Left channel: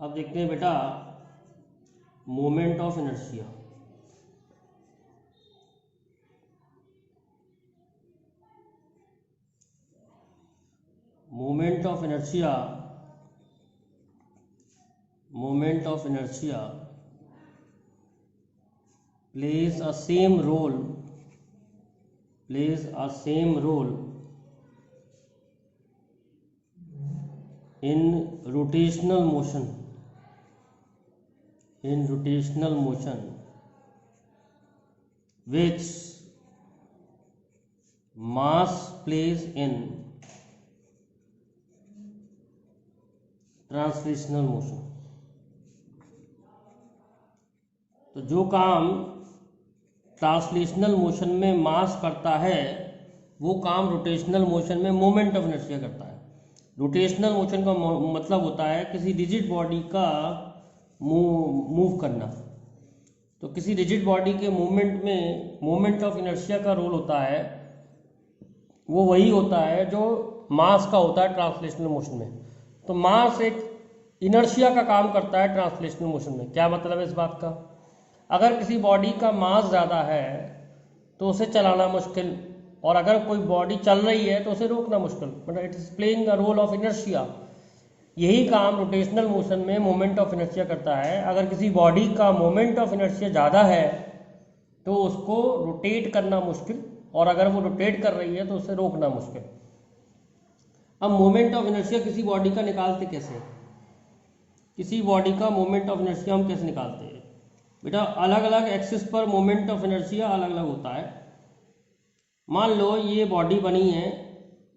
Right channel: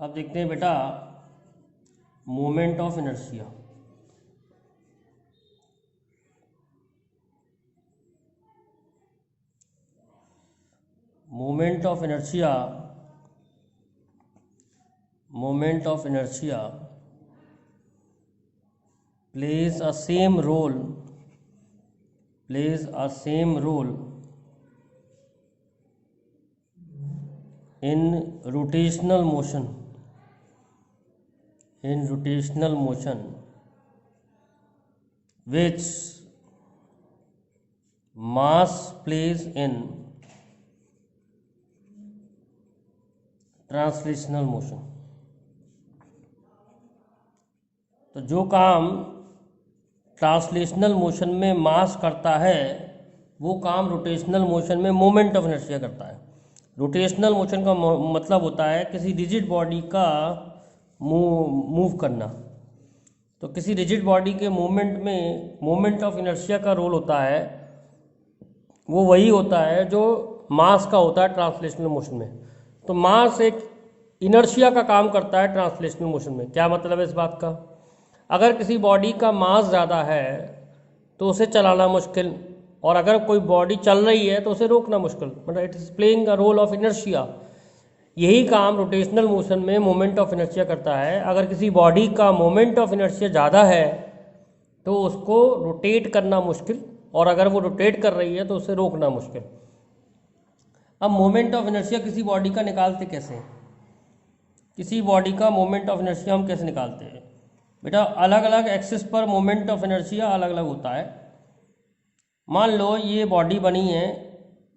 अब देखते हैं बेटा moment of inertia. Moment of inertia plays a same role in rotational motion which mass plays in translational motion. तो जो काम ट्रांसलेशनल मोशन में मास करता है वो काम रोटेशनल मोशन में मोमेंट ऑफ इनर्शिया करता है। रोटेशनल मोशन का मतलब होता है किसी रिजिड बॉडी का मूव करना। तो किसी रिजिड बॉडी के मूवमेंट में मोमेंट ऑफ इनर्शिया का रोल होता है, वो वही होता है जो मास का होता है ट्रांसलेशनल मोशन में। तो मास एक इनर्शिया का काम करता है ट्रांसलेशनल मोशन में। क्या मतलब है इस बात का? अगर किसी बॉडी का मास ज़्यादा है तो उसे चलाना मुश्किल, और अगर कोई बॉडी चल रही है तो उसे रोकना मुश्किल, मतलब it is playing the role of inertia. यही काम रोटेशनल मोशन में मोमेंट ऑफ इनर्शिया करता है। अगर किसी बॉडी का मोमेंट ऑफ इनर्शिया ज़्यादा है तो उसको रोटेट करना मुश्किल, और अगर वो रोटेट कर रही है तो उसे रोकना मुश्किल। अब मोमेंट ऑफ इनर्शिया किसी बॉडी का निकालते कैसे हैं? किसी बॉडी का मोमेंट ऑफ इनर्शिया हम कैसे निकालते हैं बेटा? अलग अलग एक्सिस पर मोमेंट ऑफ इनर्शिया अलग अलग होता है। मान लो ये बॉडी बनी है,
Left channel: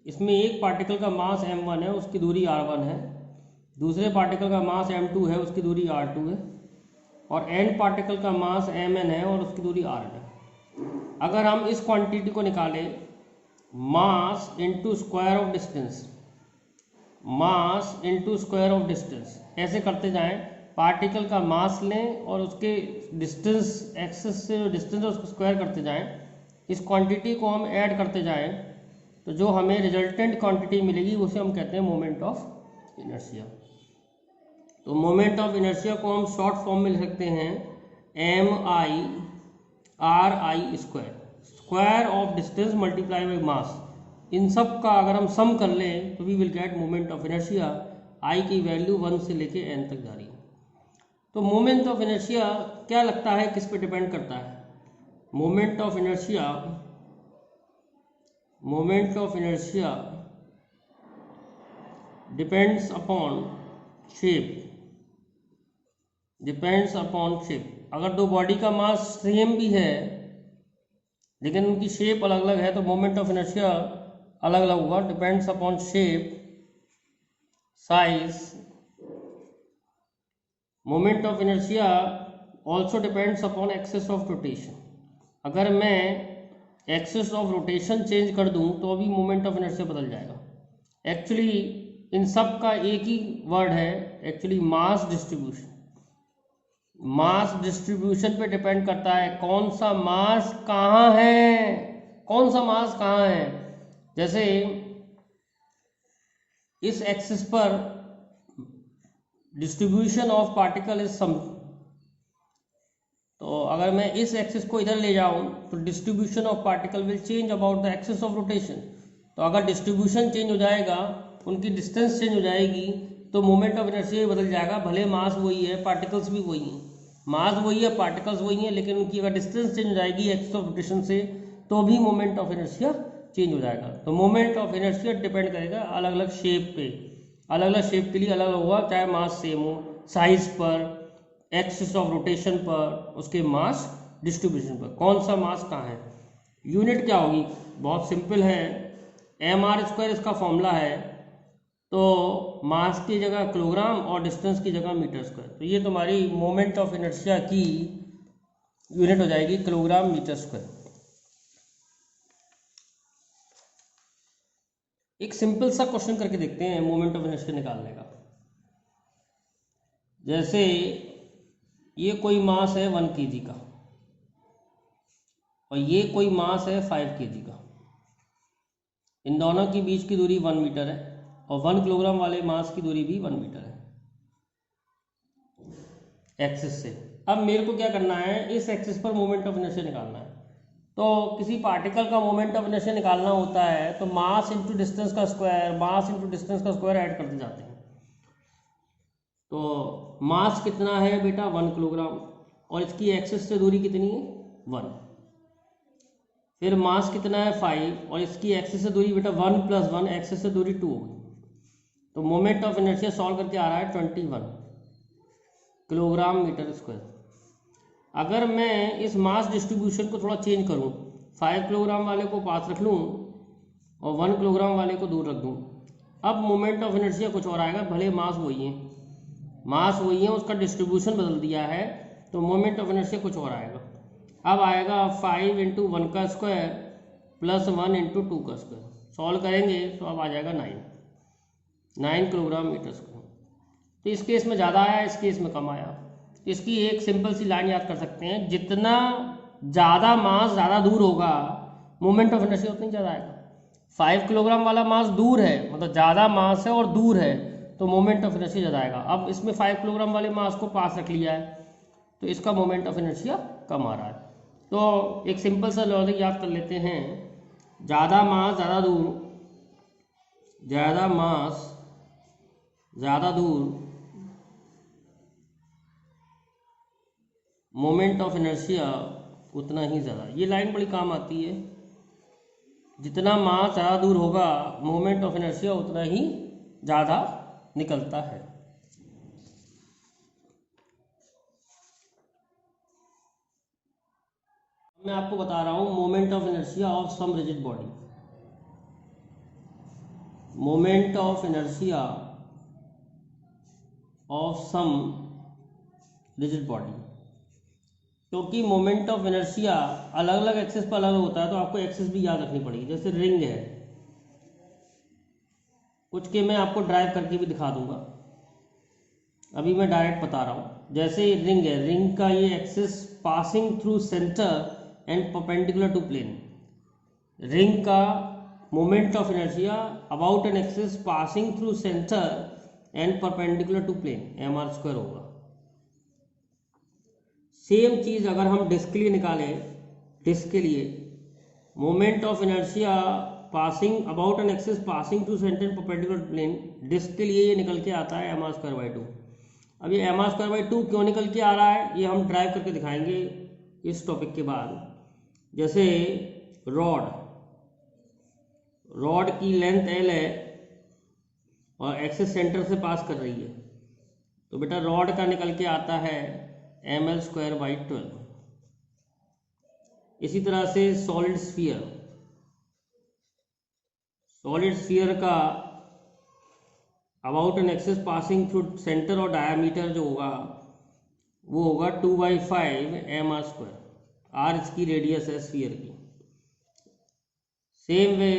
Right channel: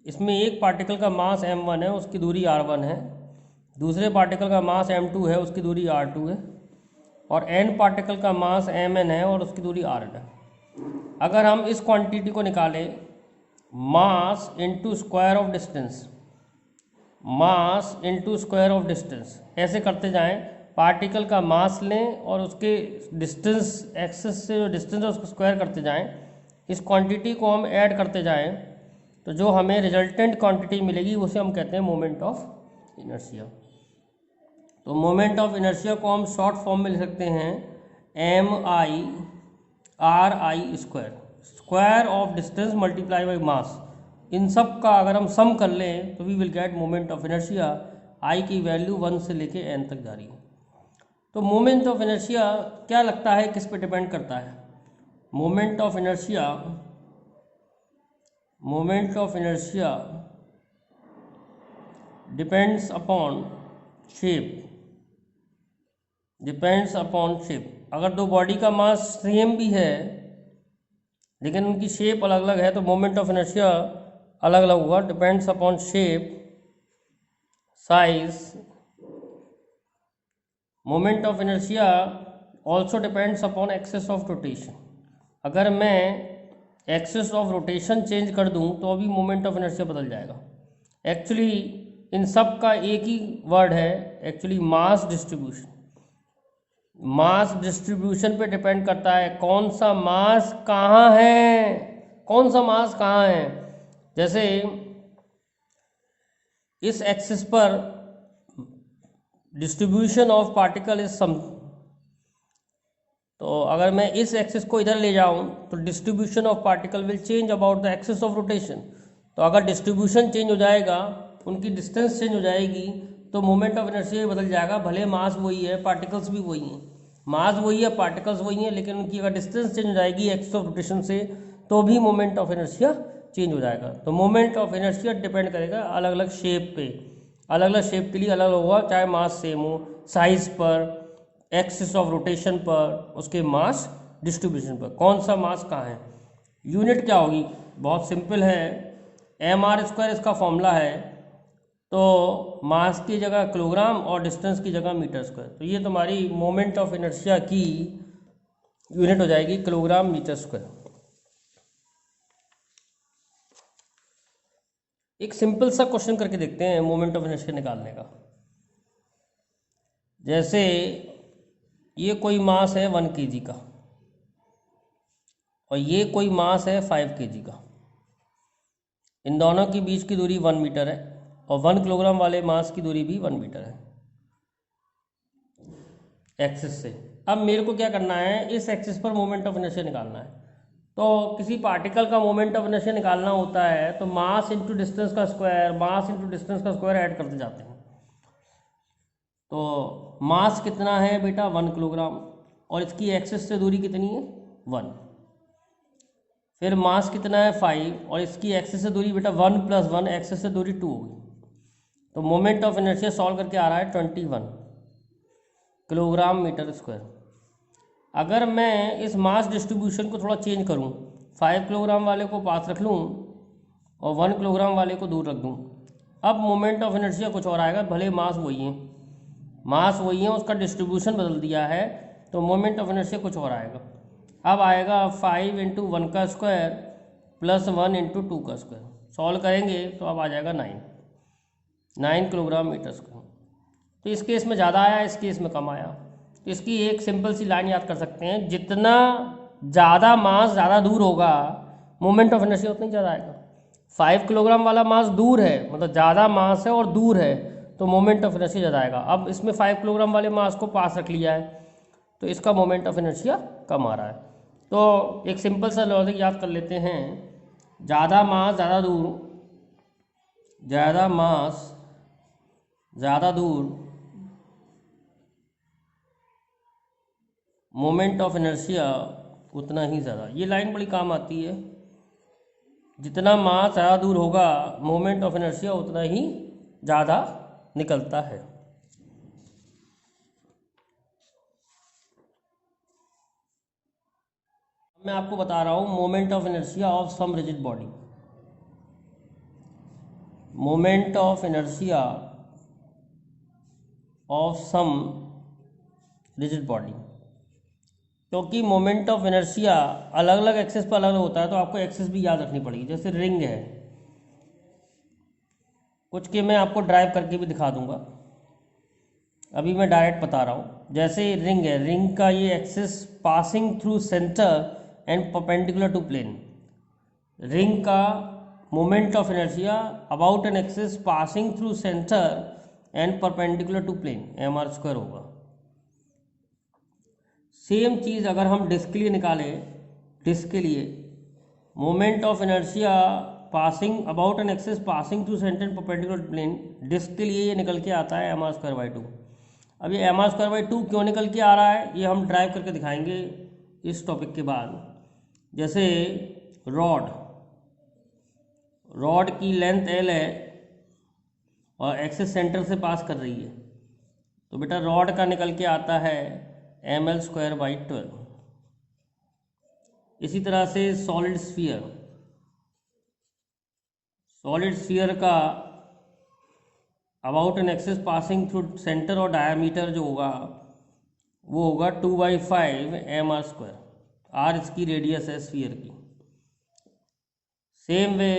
इसमें एक पार्टिकल का मास m1 है, उसकी दूरी r1 है। दूसरे पार्टिकल का मास m2 है, उसकी दूरी r2 है। और n पार्टिकल का मास mn है और उसकी दूरी rn है। अगर हम इस क्वांटिटी को निकालें, mass into square of distance, mass into square of distance, ऐसे करते जाएं, पार्टिकल का मास लें और उसके डिस्टेंस, एक्सिस से जो डिस्टेंस है उसको स्क्वायर करते जाएं, इस क्वांटिटी को हम ऐड करते जाएं, तो जो हमें रिजल्टेंट क्वांटिटी मिलेगी उसे हम कहते हैं मोमेंट ऑफ इनर्शिया। तो मोमेंट ऑफ इनर्शिया को हम शॉर्ट फॉर्म में लिख सकते हैं MI/RI square, square of distance multiply by mass. इन सब का अगर हम सम कर लें तो we will get moment of inertia. I की वैल्यू 1 से लेके n तक जा रही है। तो मोमेंट ऑफ इनर्शिया क्या लगता है किस पे डिपेंड करता है? Moment of inertia depends upon shape. अगर दो बॉडी का मास सेम भी है लेकिन उनकी शेप अलग अलग है तो मोमेंट ऑफ इनर्शिया अलग अलग होगा। Depends upon shape, size. Moment of inertia also depends upon axis of rotation. अगर मैं एक्सिस ऑफ रोटेशन चेंज कर दूं तो अभी मोमेंट ऑफ इनर्शिया बदल जाएगा। एक्चुअली इन सब का एक ही वर्ड है, actually mass distribution. Mass distribution पे डिपेंड करता है कौन सा मास कहाँ है। जैसे इस एक्सिस पर distribution of particle is some, तो अगर मैं इस एक्सिस को इधर ले जाऊं तो distribution of particle will change about the axis of rotation. तो अगर डिस्ट्रीब्यूशन चेंज हो जाएगा, उनकी डिस्टेंस चेंज हो जाएगी, तो मोमेंट ऑफ इनर्शिया बदल जाएगा। भले मास वही है, पार्टिकल्स भी वही हैं, मास वही है, पार्टिकल्स वही हैं, लेकिन उनकी अगर डिस्टेंस चेंज हो जाएगी एक्सिस ऑफ रोटेशन से तो भी मोमेंट ऑफ इनर्शिया चेंज हो जाएगा। तो मोमेंट ऑफ इनर्शिया डिपेंड करेगा अलग अलग शेप पे, अलग अलग शेप के लिए अलग अलग होगा, चाहे मास सेम हो, साइज पर, एक्सिस ऑफ रोटेशन पर, उसके मास डिस्ट्रीब्यूशन पर, कौन सा मास कहाँ है। यूनिट क्या होगी? बहुत सिंपल है, mr² इसका फॉर्मूला है। तो मास की जगह किलोग्राम और डिस्टेंस की जगह मीटर स्क्वायर। तो ये तुम्हारी मोमेंट ऑफ इनर्शिया की यूनिट हो जाएगी किलोग्राम मीटर स्क्वायर। एक सिंपल सा क्वेश्चन करके देखते हैं मोमेंट ऑफ इनर्शिया निकालने का। जैसे ये कोई मास है 1 kg का और ये कोई मास है 5 kg का। इन दोनों के बीच की दूरी 1 मीटर है और 1 किलोग्राम वाले मास की दूरी भी 1 मीटर है। एक्सिस से। अब मेरे को क्या करना है, इस एक्सिस पर मोमेंट ऑफ इनर्शिया निकालना है। तो किसी पार्टिकल का मोमेंट ऑफ इनर्शिया निकालना होता है तो मास इंटू डिस्टेंस का स्क्वायर, मास इंटू डिस्टेंस का स्क्वायर ऐड करते जाते हैं। तो मास कितना है बेटा 1 किलोग्राम, और इसकी एक्सिस से दूरी कितनी है 1। फिर मास कितना है 5, और इसकी एक्सिस से दूरी बेटा 1 + 1, एक्सिस से दूरी 2 होगी। तो मोमेंट ऑफ इनर्शिया सॉल्व करके आ रहा है 21 किलोग्राम मीटर स्क्वायर। अगर मैं इस मास डिस्ट्रीब्यूशन को थोड़ा चेंज करूं, 5 किलोग्राम वाले को पास रख लूं और 1 किलोग्राम वाले को दूर रख दूं, अब मोमेंट ऑफ इनर्शिया कुछ और आएगा, भले मास वही है, मास वही है, उसका डिस्ट्रीब्यूशन बदल दिया है, तो मोमेंट ऑफ इनर्शिया कुछ और आएगा। अब आएगा 5 × 1 का स्क्वायर + 1 × 2 का स्क्वायर। सॉल्व करेंगे तो अब आ जाएगा 9 किलोग्राम मीटर स्क्वायर। तो इस केस में ज़्यादा आया, इस केस में कम आया। तो इसकी एक सिंपल सी लाइन याद कर सकते हैं, जितना ज़्यादा मास ज़्यादा दूर होगा मोमेंट ऑफ इनर्शिया उतना ही ज़्यादा आएगा। 5 किलोग्राम वाला मास दूर है, मतलब ज़्यादा मास है और दूर है, तो मोमेंट ऑफ इनर्शिया ज़्यादा आएगा। अब इसमें 5 किलोग्राम वाले मास को पास रख लिया है, तो इसका मोमेंट ऑफ इनर्शिया कम आ रहा है। तो एक सिंपल सा लॉजिक याद कर लेते हैं, ज़्यादा मास ज़्यादा दूर, ज़्यादा मास ज़्यादा दूर, मोमेंट ऑफ इनर्शिया उतना ही ज़्यादा। ये लाइन बड़ी काम आती है, जितना मास ज़्यादा दूर होगा मोमेंट ऑफ इनर्शिया उतना ही ज़्यादा निकलता है। मैं आपको बता रहा हूँ moment of inertia of some rigid body. Moment of inertia of some rigid body, क्योंकि मोमेंट ऑफ इनर्शिया अलग अलग एक्सिस पर अलग अलग होता है, तो आपको एक्सिस भी याद रखनी पड़ेगी। जैसे रिंग है, कुछ के मैं आपको ड्राइव करके भी दिखा दूंगा, अभी मैं डायरेक्ट बता रहा हूँ। जैसे रिंग है, रिंग का ये axis passing through centre and perpendicular to plane. Ring का moment of inertia about an axis passing through centre and perpendicular to plane, mr² होगा। सेम चीज़ अगर हम डिस्क के लिए निकालें, डिस्क के लिए moment of inertia passing about an axis passing through centre and perpendicular plane, disc के लिए ये निकल के आता है mr²/2। अब ये mr²/2 क्यों निकल के आ रहा है, ये हम ड्राइव करके दिखाएंगे इस टॉपिक के बाद। जैसे रॉड की लेंथ l है और एक्सिस सेंटर से पास कर रही है, तो बेटा रॉड का निकल के आता है ml²/12। इसी तरह से सॉलिड स्फीयर का about an axis passing through centre और डायमीटर जो होगा वो होगा 2/5 mr²। r इसकी रेडियस है स्फीयर की। सेम वे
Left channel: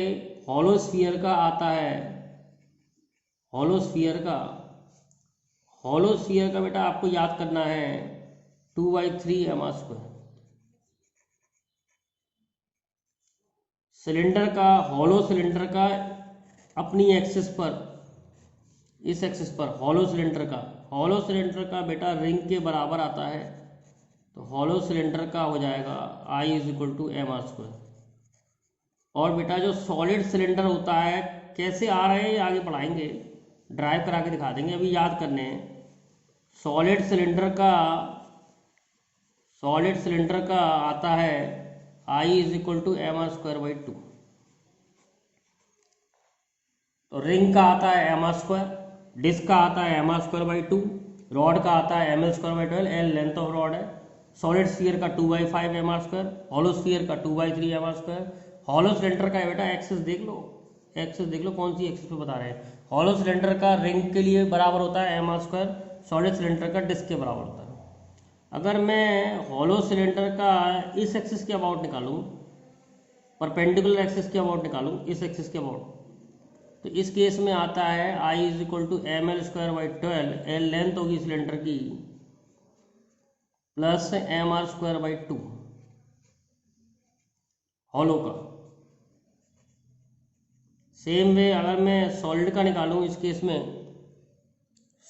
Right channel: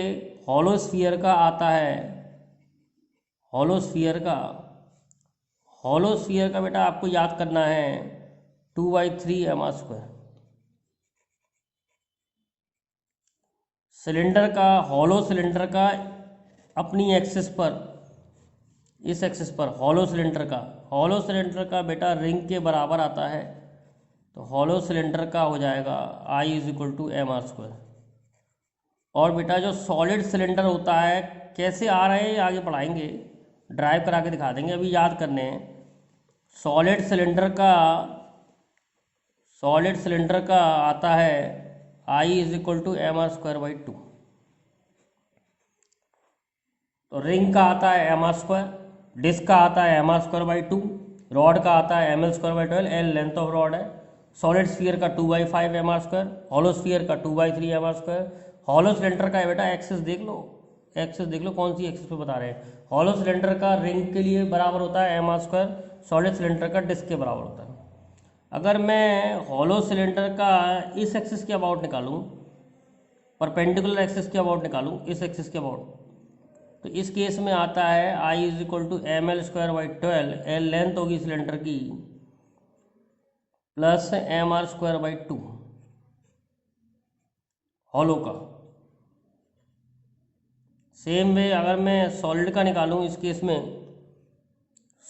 हॉलो स्फीयर का आता है, हॉलो स्फीयर का बेटा आपको याद करना है 2/3 mr²। हॉलो सिलेंडर का अपनी एक्सिस पर, इस एक्सिस पर हॉलो सिलेंडर का बेटा रिंग के बराबर आता है, तो हॉलो सिलेंडर का हो जाएगा I = mr²। और बेटा जो सॉलिड सिलेंडर होता है, कैसे आ रहे हैं आगे पढ़ाएंगे, ड्राइव करा के दिखा देंगे, अभी याद करने हैं। सॉलिड सिलेंडर का आता है I = mr²/2। तो रिंग का आता है mr², डिस्क का आता है mr²/2, रॉड का आता है ml²/12, l length of rod है। सॉलिड स्फीयर का 2/5 mr², हॉलो स्फीयर का 2/3 mr²। हॉलो सिलेंडर का बेटा एक्सिस देख लो, कौन सी एक्सिस पे बता रहे हैं। हॉलो सिलेंडर का रिंग के लिए बराबर होता है mr², सॉलिड सिलेंडर का डिस्क के बराबर होता है। अगर मैं हॉलो सिलेंडर का इस एक्सिस के अबाउट निकालूं, परपेंडिकुलर एक्सिस के अबाउट निकालूं, इस एक्सिस के अबाउट, तो इस केस में आता है I = ml²/12, l लेंथ होगी सिलेंडर की, प्लस mr²/2 हॉलो का। सेम वे अगर मैं सॉलिड का निकालूं, इस केस में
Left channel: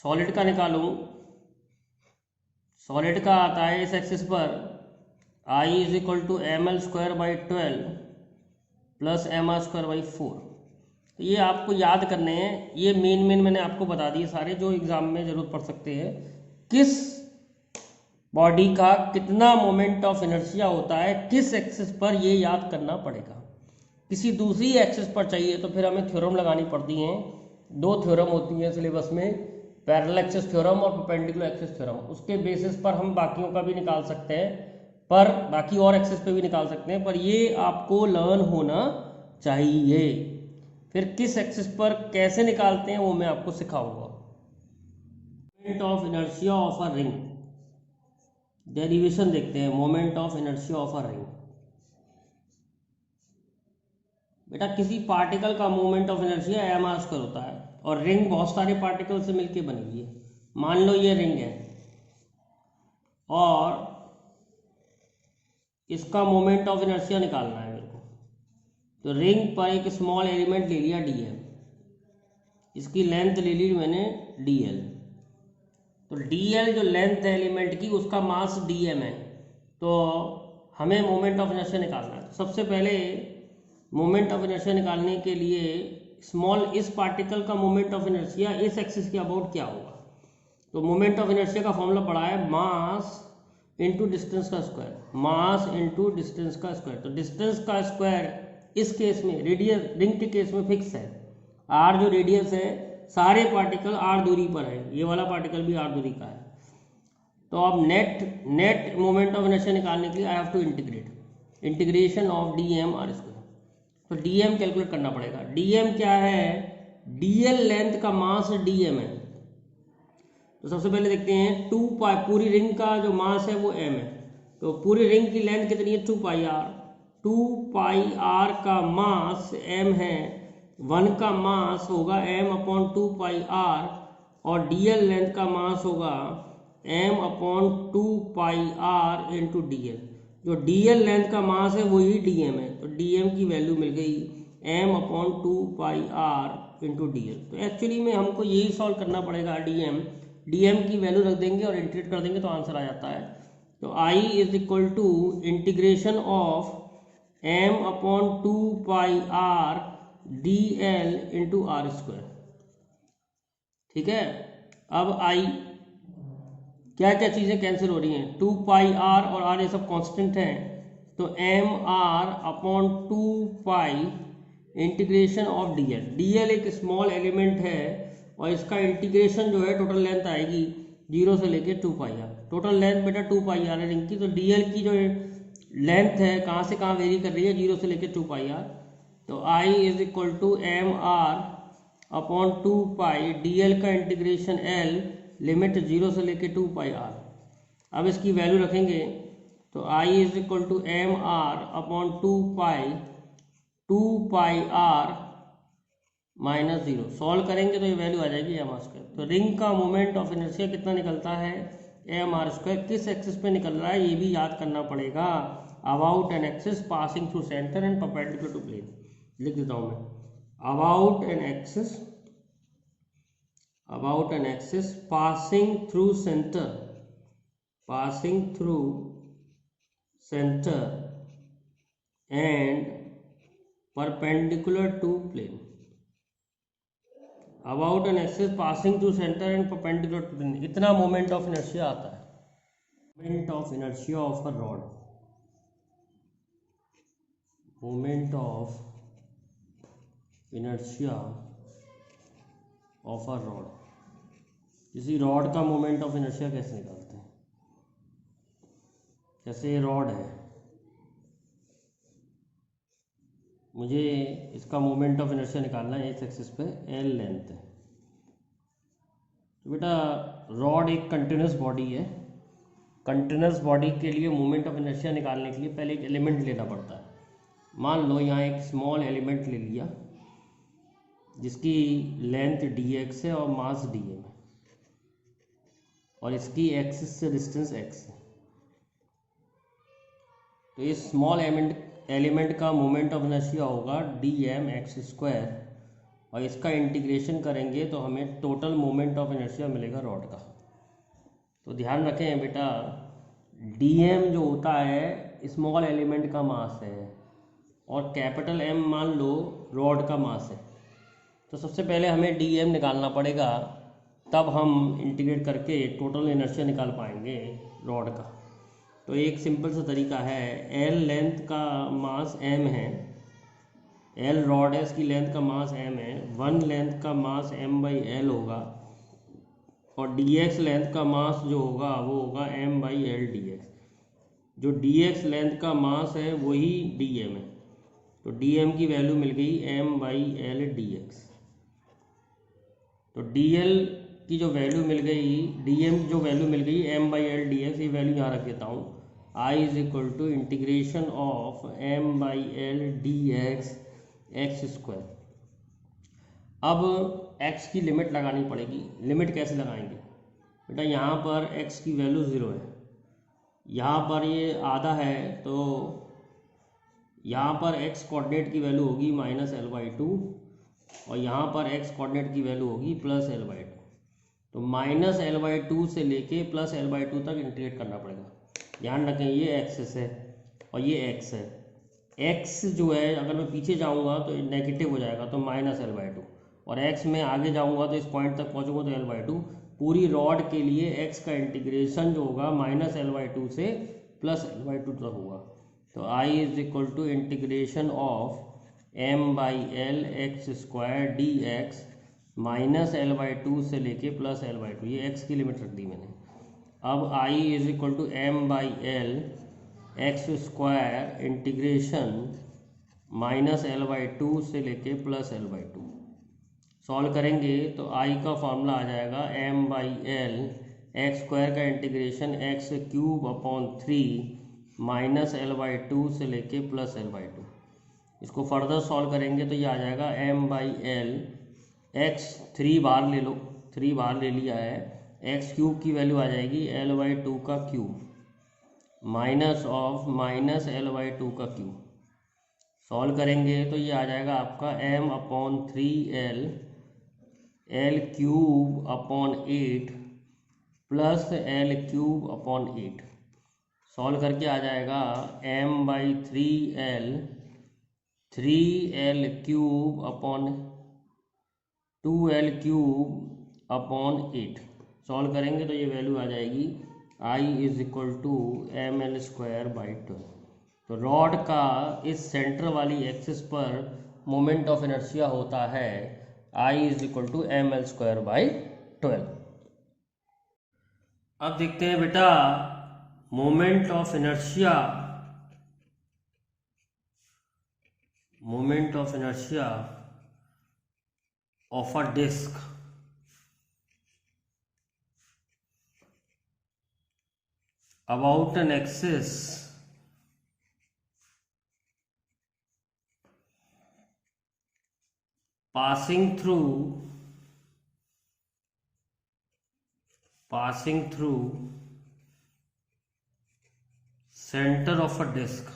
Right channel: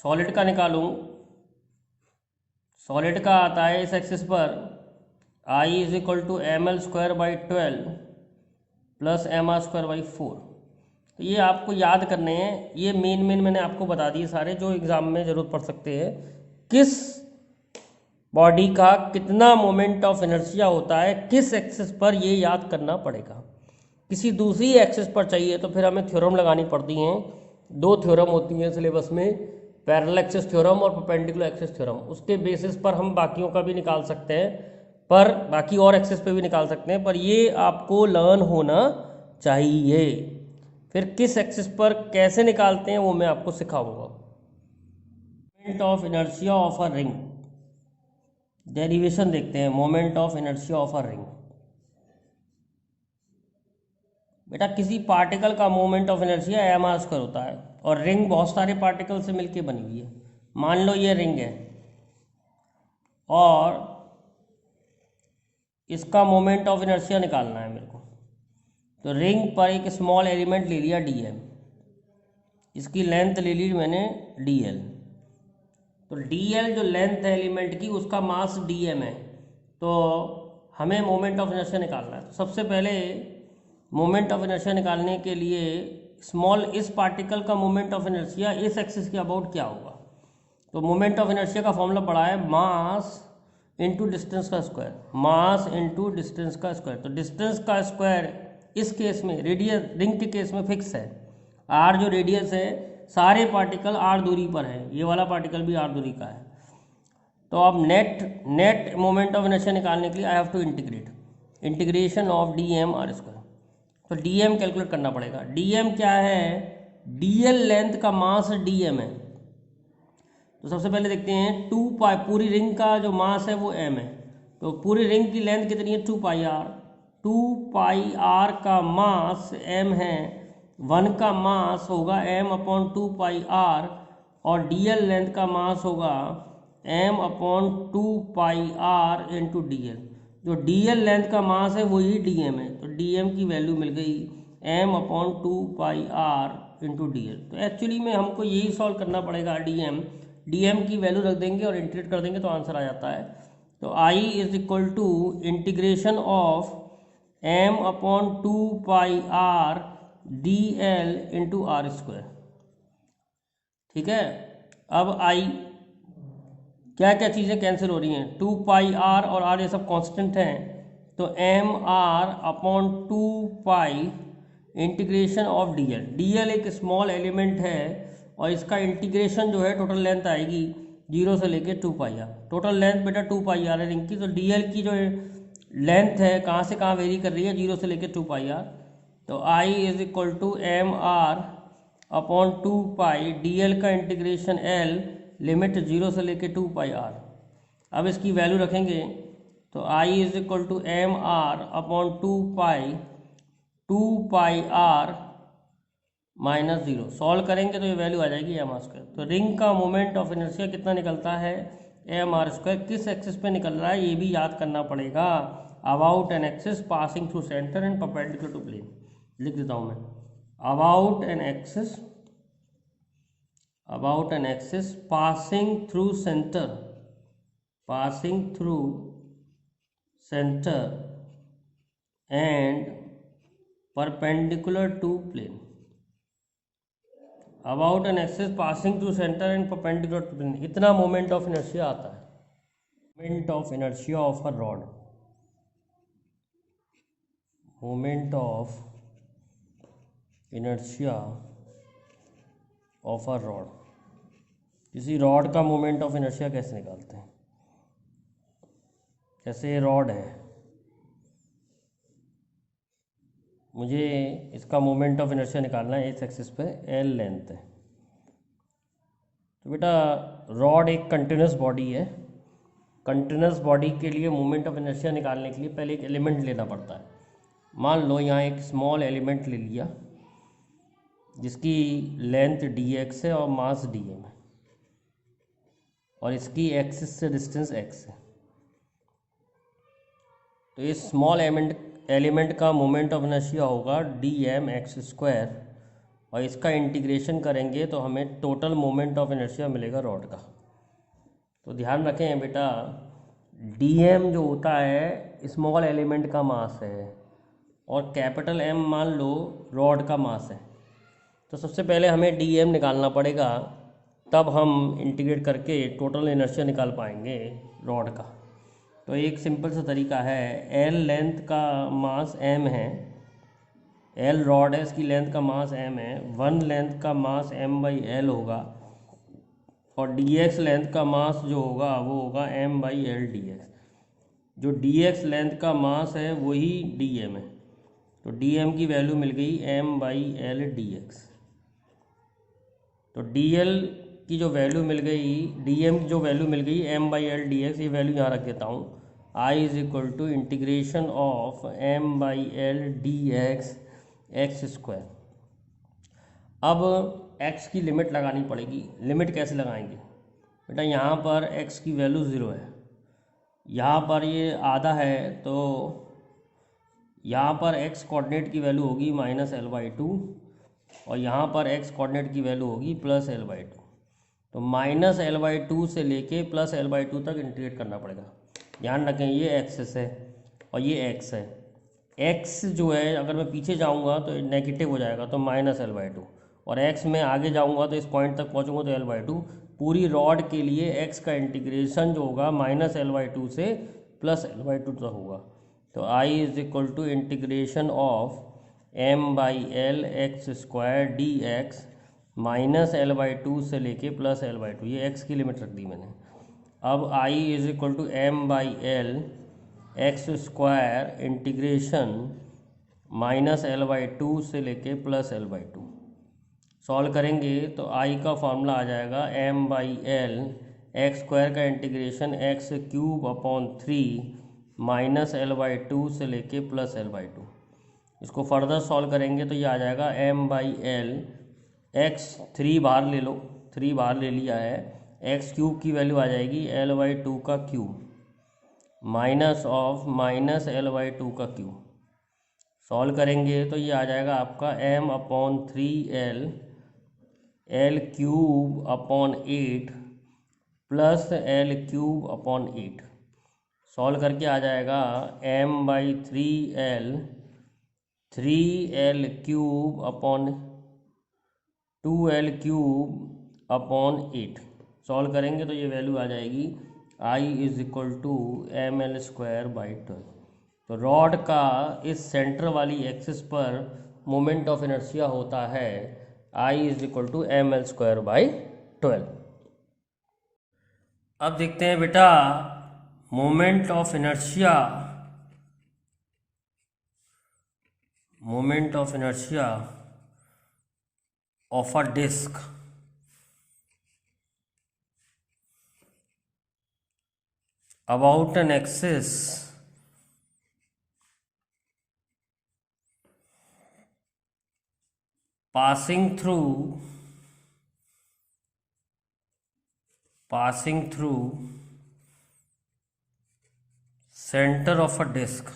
सॉलिड सॉलिड का आता है इस एक्सिस पर I is equal to ml²/12 plus mr²/4। तो ये आपको याद करने हैं, ये मेन मैंने आपको बता दिए सारे जो एग्जाम में जरूरत पड़ सकते हैं। किस बॉडी का कितना मोमेंट ऑफ इनर्शिया होता है किस एक्सिस पर, ये याद करना पड़ेगा। किसी दूसरी एक्सिस पर चाहिए तो फिर हमें थ्योरम लगानी पड़ती हैं। दो थ्योरम होती हैं सिलेबस में, पैरेलल एक्सिस थ्योरम और परपेंडिकुलर एक्सिस थ्योरम। उसके बेसिस पर हम बाकियों का भी निकाल सकते हैं, पर बाकी और एक्सिस पे भी निकाल सकते हैं, पर ये आपको लर्न होना चाहिए। फिर किस एक्सिस पर कैसे निकालते हैं वो मैं आपको सिखाऊंगा। Moment of inertia of a ring, derivation देखते हैं। Moment of inertia of a ring, बेटा किसी पार्टिकल का मोमेंट ऑफ इनर्शिया m² होता है, और रिंग बहुत सारे पार्टिकल से मिलकर बनी हुई है। मान लो ये रिंग है और इसका मोमेंट ऑफ इनर्शिया निकालना है मेरे को। तो रिंग पर एक स्मॉल एलिमेंट ले लिया dm, इसकी लेंथ ले ली मैंने dl। तो dl जो लेंथ है एलिमेंट की, उसका मास dm है। तो हमें मोमेंट ऑफ इनर्शिया निकालना है। तो सबसे पहले मोमेंट ऑफ इनर्शिया निकालने के लिए स्मॉल इस पार्टिकल का मोमेंट ऑफ इनर्शिया इस एक्सिस के अबाउट क्या होगा। तो मोमेंट ऑफ इनर्शिया का फॉर्मूला पड़ा है मास इंटू डिस्टेंस का स्क्वायर, मास इंटू डिस्टेंस का स्क्वायर। तो डिस्टेंस का स्क्वायर इस केस में, रेडियस रिंग के केस में फिक्स है। r जो रेडियस है, सारे पार्टिकल r दूरी पर है, ये वाला पार्टिकल भी r दूरी का है। तो अब नेट मोमेंट ऑफ इनर्शिया निकालने के लिए I have to integration of dm r²। तो dm कैलकुलेट करना पड़ेगा। dm क्या है, dl लेंथ का मास dm है। तो सबसे पहले देखते हैं 2π, पूरी रिंग का जो मास है वो m है। तो पूरी रिंग की लेंथ कितनी है 2πr। 2πr का मास m है, 1 का मास होगा m/2πr, और dl लेंथ का मास होगा m/2πr इंटू dl। जो dl लेंथ का मास है वही dm है। तो dm की वैल्यू मिल गई m/2πr इंटू dl। तो एक्चुअली में हमको यही सॉल्व करना पड़ेगा। dm की वैल्यू रख देंगे और इंटीग्रेट कर देंगे तो आंसर आ जाता है। तो I is equal to integration of m/2πr dl into r²। ठीक है, अब I क्या क्या चीज़ें कैंसिल हो रही हैं, 2πr और r ये सब कांस्टेंट हैं। तो mr/2π इंटीग्रेशन ऑफ dl एक स्मॉल एलिमेंट है और इसका इंटीग्रेशन जो है टोटल लेंथ आएगी 0 से लेके 2πr। टोटल लेंथ बेटा 2πr है रिंग की। तो dl की जो लेंथ है कहाँ से कहाँ वेरी कर रही है, 0 से लेके 2πr। तो I is equal to mr/2π, dl का इंटीग्रेशन l, लिमिट 0 से लेके 2πr। अब इसकी वैल्यू रखेंगे तो I is equal to mr/2π 2πr minus 0। Solve करेंगे तो ये वैल्यू आ जाएगी m r²। तो रिंग का मोमेंट ऑफ इनर्शिया कितना निकलता है m r²। किस एक्सिस पे निकल रहा है ये भी याद करना पड़ेगा। About an axis passing through centre and perpendicular to plane. लिख देता हूँ मैं, about an axis passing through center and perpendicular to plane। About an axis passing through centre and perpendicular to plane, इतना मोमेंट ऑफ इनर्शिया आता है। Moment of inertia of a rod, moment of inertia of a rod. किसी rod का moment of inertia कैसे निकालते हैं। जैसे ये रॉड है, मुझे इसका मोमेंट ऑफ इनर्शिया निकालना है, इस एक्सिस पे l लेंथ है। तो बेटा रॉड एक कंटिन्यूस बॉडी है। कंटिन्यूस बॉडी के लिए मोमेंट ऑफ इनर्शिया निकालने के लिए पहले एक एलिमेंट लेना पड़ता है। मान लो यहाँ एक स्मॉल एलिमेंट ले लिया जिसकी लेंथ dx है और मास dm है, और इसकी एक्सिस से डिस्टेंस x है। तो इस स्मॉल एलिमेंट का मोमेंट ऑफ इनर्शिया होगा dmx², और इसका इंटीग्रेशन करेंगे तो हमें टोटल मोमेंट ऑफ इनर्शिया मिलेगा रॉड का। तो ध्यान रखें बेटा, dm जो होता है स्मॉल एलिमेंट का मास है और कैपिटल M मान लो रॉड का मास है। तो सबसे पहले हमें dm निकालना पड़ेगा, तब हम इंटीग्रेट करके टोटल इनर्शिया निकाल पाएंगे रॉड का। तो एक सिंपल सा तरीका है, L लेंथ का मास m है, L रॉड है, इसकी लेंथ का मास m है, 1 लेंथ का मास m/l होगा और dx लेंथ का मास जो होगा वो होगा m/l dx। जो dx लेंथ का मास है वही dm है, तो dm की वैल्यू मिल गई m/l dx। तो dl की जो वैल्यू मिल गई, dm की जो वैल्यू मिल गई m/l dx, ये वैल्यू यहाँ रख देता हूँ, I is equal to integration of m/l dx X square. अब x की लिमिट लगानी पड़ेगी। लिमिट कैसे लगाएंगे बेटा, यहाँ पर x की वैल्यू 0 है, यहाँ पर ये आधा है, तो यहाँ पर x कोऑर्डिनेट की वैल्यू होगी -l/2 और यहाँ पर x कोऑर्डिनेट की वैल्यू होगी +l/2। तो -l/2 से लेके +l/2 तक इंटीग्रेट करना पड़ेगा। ध्यान रखें ये एक्सिस है और ये x है। x जो है अगर मैं पीछे जाऊँगा तो नेगेटिव हो जाएगा, तो -l/2, और x में आगे जाऊँगा तो इस पॉइंट तक पहुँचूँगा तो l/2। पूरी रॉड के लिए x का इंटीग्रेशन जो होगा -l/2 से +l/2 तक होगा। तो I is equal to integration of m/l X square dx -l/2 से लेके +l/2, ये x की लिमिट रख दी मैंने। अब I is equal to m/l X square integration -l/2 से लेके +l/2। सॉल्व करेंगे तो I का फॉर्मूला आ जाएगा m/l एक्स स्क्वायर का इंटीग्रेशन x³ अपॉन 3 -l/2 से लेके +l/2। इसको फर्दर सॉल्व करेंगे तो ये आ जाएगा m/l x, 3 बार ले लो, 3 बार ले लिया है, x³ की वैल्यू आ जाएगी l/2 का क्यूब माइनस ऑफ -l/2 का क्यूब। सॉल्व करेंगे तो ये आ जाएगा आपका m/3l l³ upon 8 plus l³ upon 8। Solve करके आ जाएगा m/3l 3l³ upon 2l³ upon 8। Solve करेंगे तो ये वैल्यू आ जाएगी I is equal to ml²/12। तो रॉड का इस सेंटर वाली एक्सिस पर मोमेंट ऑफ इनर्शिया होता है I is equal to ml²/12। अब देखते हैं बेटा moment of inertia of a disc about an axis passing through center of a disk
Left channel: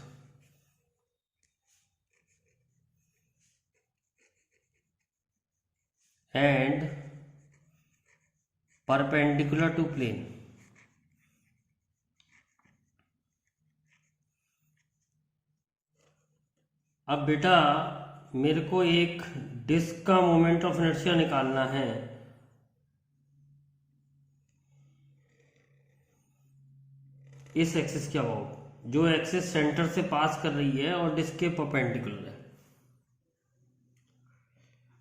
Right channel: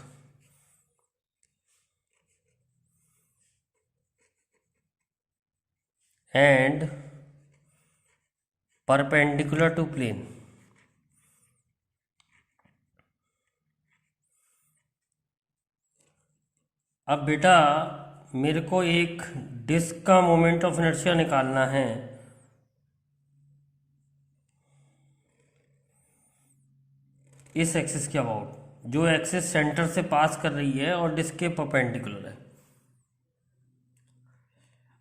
and perpendicular to plane। अब बेटा मेरे को एक डिस्क का मोमेंट ऑफ इनर्शिया निकालना है। इस एक्सिस के अबाउट, जो एक्सिस सेंटर से पास कर रही है और डिस्क के परपेंडिकुलर है।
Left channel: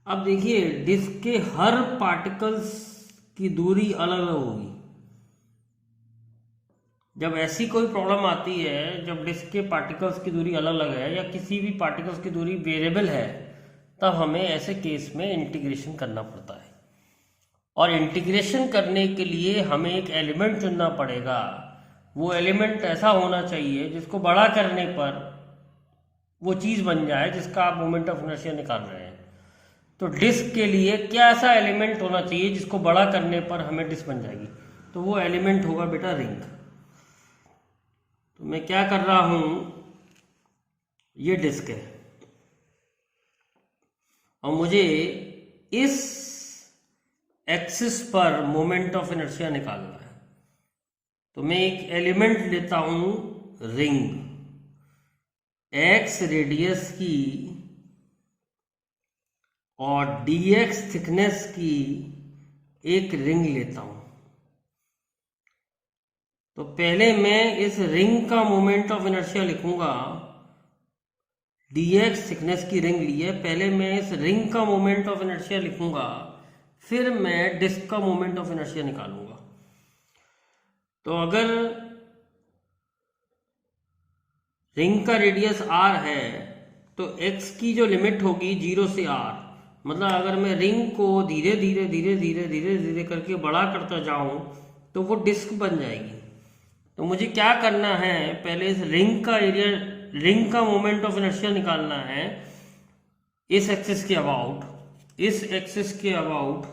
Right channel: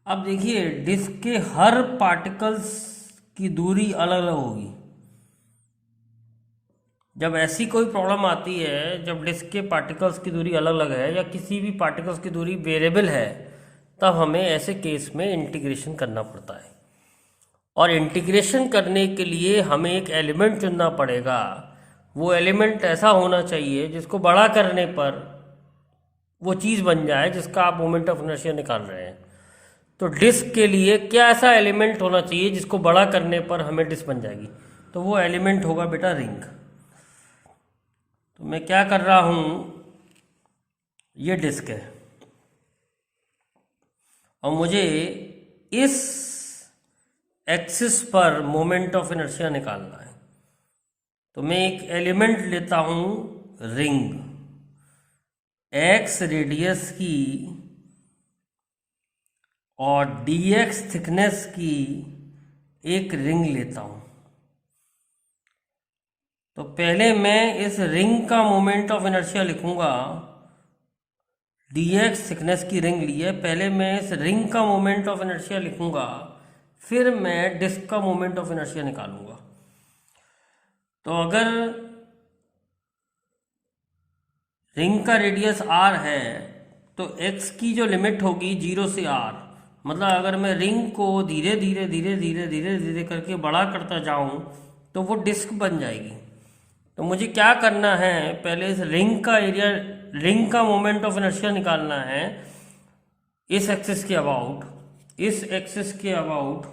अब देखिए डिस्क के हर पार्टिकल्स की दूरी अलग अलग होगी। जब ऐसी कोई प्रॉब्लम आती है, जब डिस्क के पार्टिकल्स की दूरी अलग अलग है या किसी भी पार्टिकल्स की दूरी वेरिएबल है, तब हमें ऐसे केस में इंटीग्रेशन करना पड़ता है। और इंटीग्रेशन करने के लिए हमें एक एलिमेंट चुनना पड़ेगा। वो एलिमेंट ऐसा होना चाहिए जिसको बड़ा करने पर वो चीज़ बन जाए जिसका आप मोमेंट ऑफ इनर्शिया निकाल रहे हैं। तो डिस्क के लिए क्या ऐसा एलिमेंट होना चाहिए जिसको बड़ा करने पर हमें डिस्क बन जाएगी? तो वो एलिमेंट होगा बेटा रिंग। तो मैं क्या कर रहा हूं, ये डिस्क है और मुझे इस एक्सिस पर मोमेंट ऑफ इनर्शिया निकालना है। तो मैं एक एलिमेंट लेता हूं रिंग, x रेडियस की और dx थिकनेस की एक रिंग लेता हूं। तो पहले मैं इस रिंग का मोमेंट ऑफ इनर्शिया लिखूंगा। dx थिकनेस की रिंग ली है, पहले मैं इस रिंग का मोमेंट ऑफ इनर्शिया लिखूंगा, फिर मैं डिस्क का मोमेंट ऑफ इनर्शिया निकालूंगा। तो अगर रिंग का रेडियस r है तो x की जो लिमिट होगी 0 से r, मतलब अगर मैं रिंग को धीरे धीरे धीरे धीरे धीरे धीरे करके बड़ा करता जाऊं तो वो डिस्क बन जाएगी। तो मुझे क्या करना है, पहले इस रिंग का एरिया, रिंग का मोमेंट ऑफ इनर्शिया निकालना है इस एक्सिस के अबाउट, इस एक्सिस के अबाउट,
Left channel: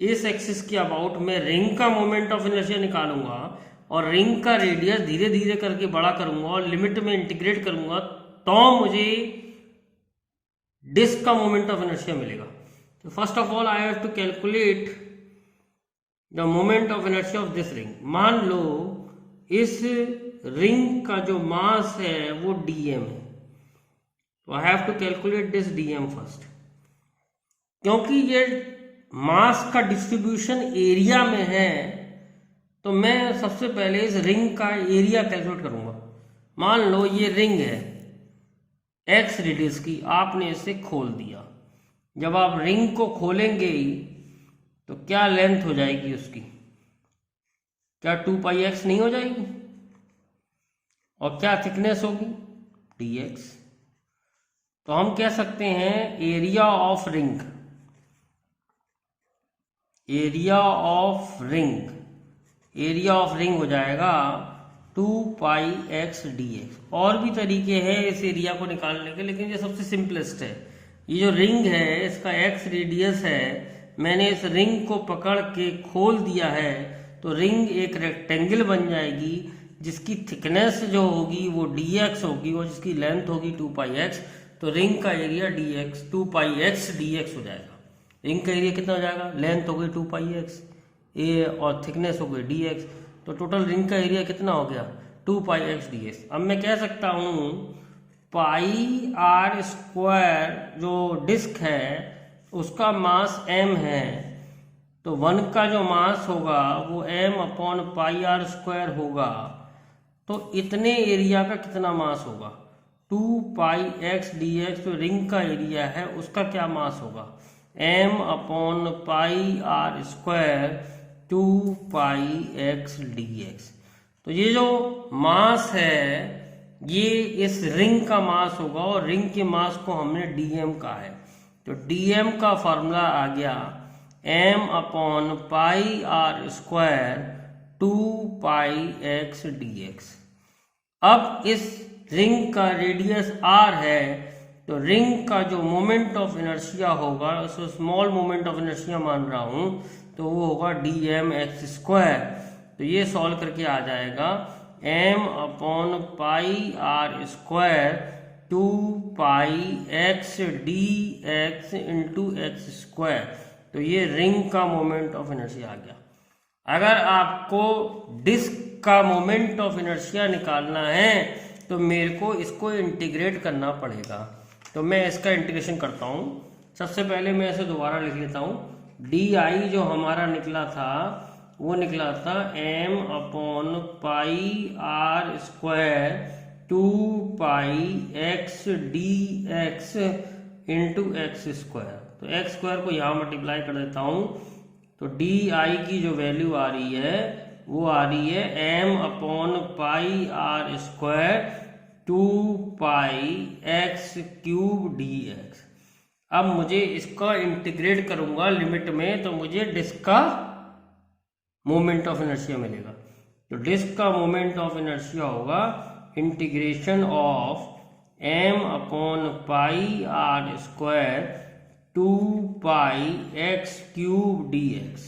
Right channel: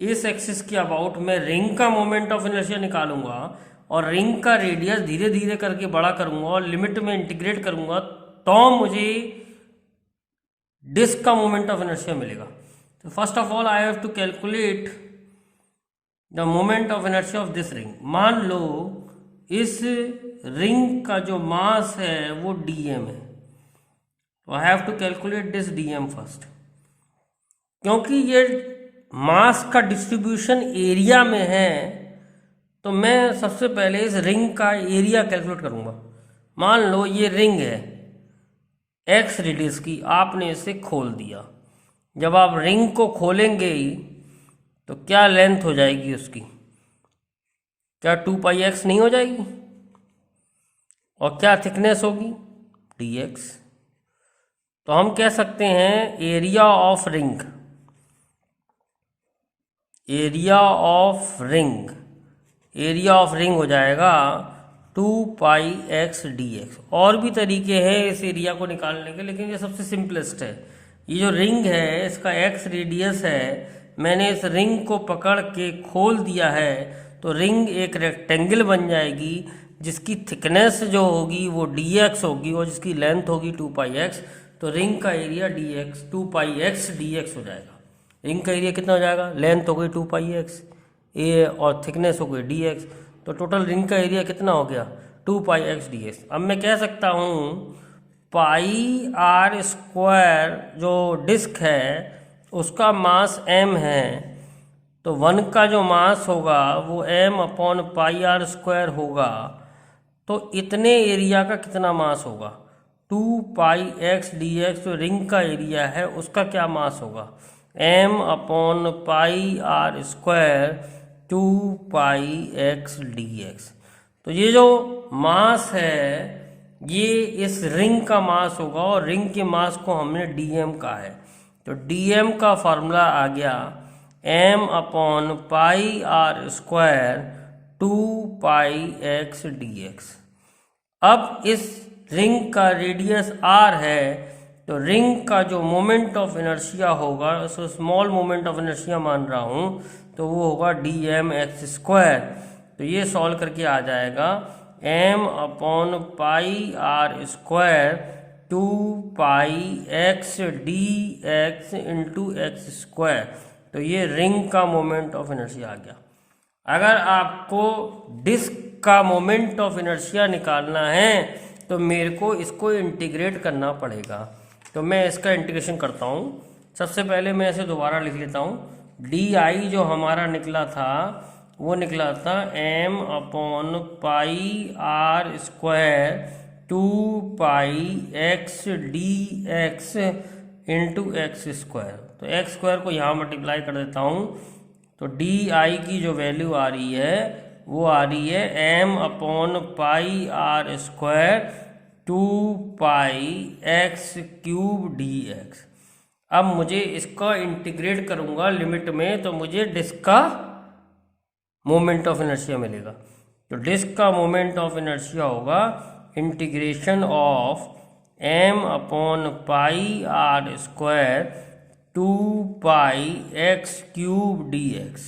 इस एक्सिस के अबाउट मैं रिंग का मोमेंट ऑफ इनर्शिया निकालूंगा और रिंग का रेडियस धीरे धीरे करके बड़ा करूंगा और लिमिट में इंटीग्रेट करूंगा, तो मुझे डिस्क का मोमेंट ऑफ इनर्शिया मिलेगा। तो first of all I have to calculate the moment of inertia of this ring. मान लो इस रिंग का जो मास है वो dm है, तो I have to calculate this dm first. क्योंकि ये मास का डिस्ट्रीब्यूशन एरिया में है तो मैं सबसे पहले इस रिंग का एरिया कैलकुलेट करूंगा। मान लो ये रिंग है x रेडियस की, आपने इसे खोल दिया। जब आप रिंग को खोलेंगे तो क्या लेंथ हो जाएगी उसकी, क्या 2πx नहीं हो जाएगी? और क्या थिकनेस होगी, dx। तो हम कह सकते हैं area of ring, area of ring, area of ring हो जाएगा 2πx dx। और भी तरीके हैं इस एरिया को निकालने के, लेकिन ये सबसे सिंपलेस्ट है। ये जो रिंग है इसका x रेडियस है, मैंने इस रिंग को पकड़ के खोल दिया है तो रिंग एक रेक्टेंगल बन जाएगी जिसकी थिकनेस जो होगी वो dx होगी और जिसकी लेंथ होगी 2πx। तो रिंग का एरिया dx 2πx dx हो जाएगा। रिंग का एरिया कितना हो जाएगा, लेंथ हो गई 2πx ए और थिकनेस हो गई dx, तो टोटल रिंग का एरिया कितना हो गया 2πx dx। अब मैं कह सकता हूँ पाई आर स्क्वायर जो डिस्क है उसका मास m है, तो 1 का जो मास होगा वो m/πr² होगा। तो इतने एरिया का कितना मास होगा 2πx dx, जो रिंग का एरिया है उसका क्या मास होगा m/πr² 2πx dx। तो ये जो मास है ये इस रिंग का मास होगा और रिंग के मास को हमने dm का है, तो dm का फॉर्मूला आ गया m/πr² 2πx dx। अब इस रिंग का रेडियस r है तो रिंग का जो मोमेंट ऑफ इनर्शिया होगा, so small moment of inertia मान रहा हूं, तो वो होगा dmx²। तो ये सॉल्व करके आ जाएगा m/πr² 2πx dx x²। तो ये रिंग का मोमेंट ऑफ इनर्शिया आ गया। अगर आपको डिस्क का मोमेंट ऑफ इनर्शिया निकालना है तो मेरे को इसको इंटीग्रेट करना पड़ेगा। तो मैं इसका इंटीग्रेशन करता हूँ। सबसे पहले मैं इसे दोबारा लिख लेता हूँ। डी जो हमारा निकला था वो निकला था m/πr² 2πx dx x²। तो x² को यहाँ मल्टीप्लाई कर देता हूँ, तो डी की जो वैल्यू आ रही है वो आ रही है m/πr² 2πx³ dx। अब मुझे इसका इंटीग्रेट करूंगा लिमिट में, तो मुझे डिस्क का मोमेंट ऑफ इनर्शिया मिलेगा। तो डिस्क का मोमेंट ऑफ इनर्शिया होगा integration of m/πr² 2πx³ dx।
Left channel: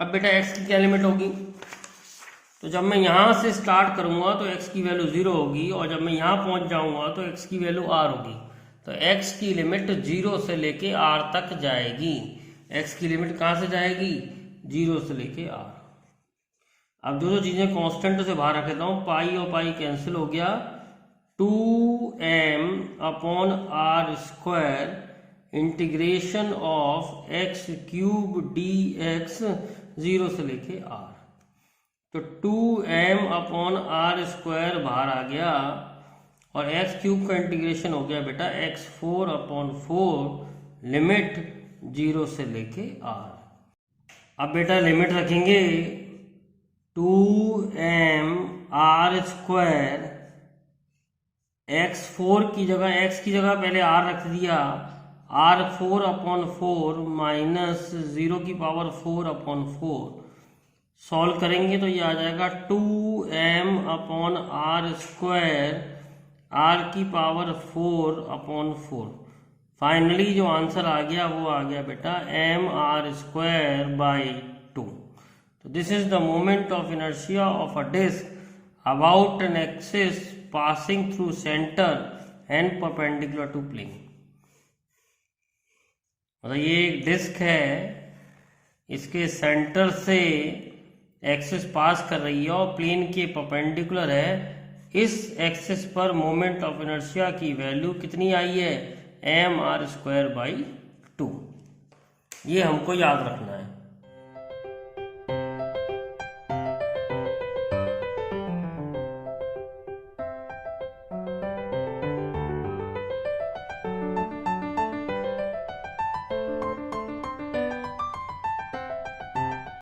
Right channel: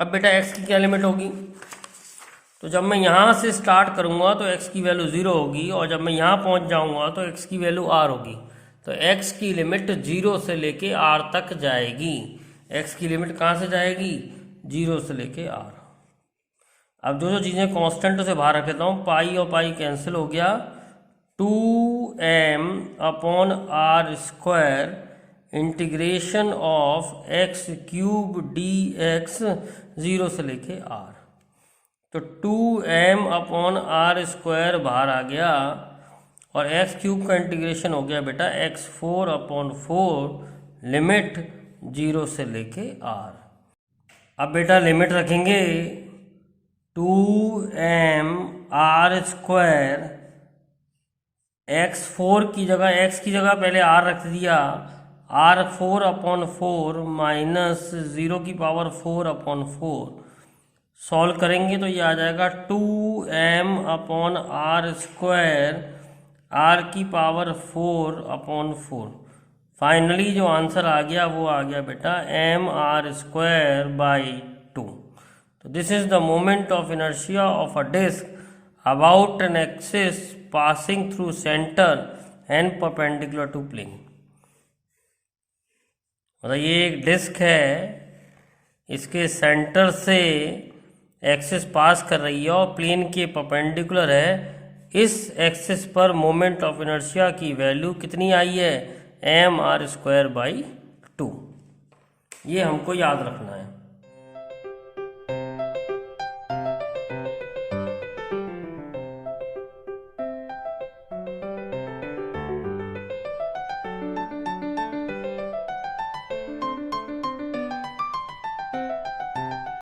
अब बेटा x की क्या लिमिट होगी, तो जब मैं यहाँ से स्टार्ट करूँगा तो x की वैल्यू 0 होगी और जब मैं यहाँ पहुँच जाऊँगा तो x की वैल्यू r होगी। तो x की लिमिट 0 से लेके r तक जाएगी। x की लिमिट कहाँ से जाएगी, 0 से लेके r। अब जो जो चीज़ें कांस्टेंट से बाहर रख लेता हूँ, पाई और पाई कैंसिल हो गया, 2m upon r square integration of x cube d x 0 से लेके r। तो 2m अपॉन आर स्क्वायर बाहर आ गया और एक्स क्यूब का इंटीग्रेशन हो गया बेटा x4 अपॉन 4 लिमिट 0 से लेके r। अब बेटा लिमिट रखेंगे 2m आर स्क्वायर, x4 की जगह x की जगह पहले r रख दिया, r4 अपॉन 4 माइनस 0 की पावर 4 अपॉन 4। सॉल्व करेंगे तो ये आ जाएगा 2m upon r square r की पावर 4 अपॉन 4। फाइनली जो आंसर आ गया वो आ गया बेटा m r स्क्वायर बाई 2। तो this is the moment of inertia of a disc about an axis passing through centre and perpendicular to plane. मतलब ये एक डिस्क है, इसके सेंटर से एक्सिस पास कर रही है और प्लेन के परपेंडिकुलर है। इस एक्सिस पर मोमेंट ऑफ इनर्शिया की वैल्यू कितनी आई है, m r स्क्वायर बाई 2। ये हमको याद रखना है।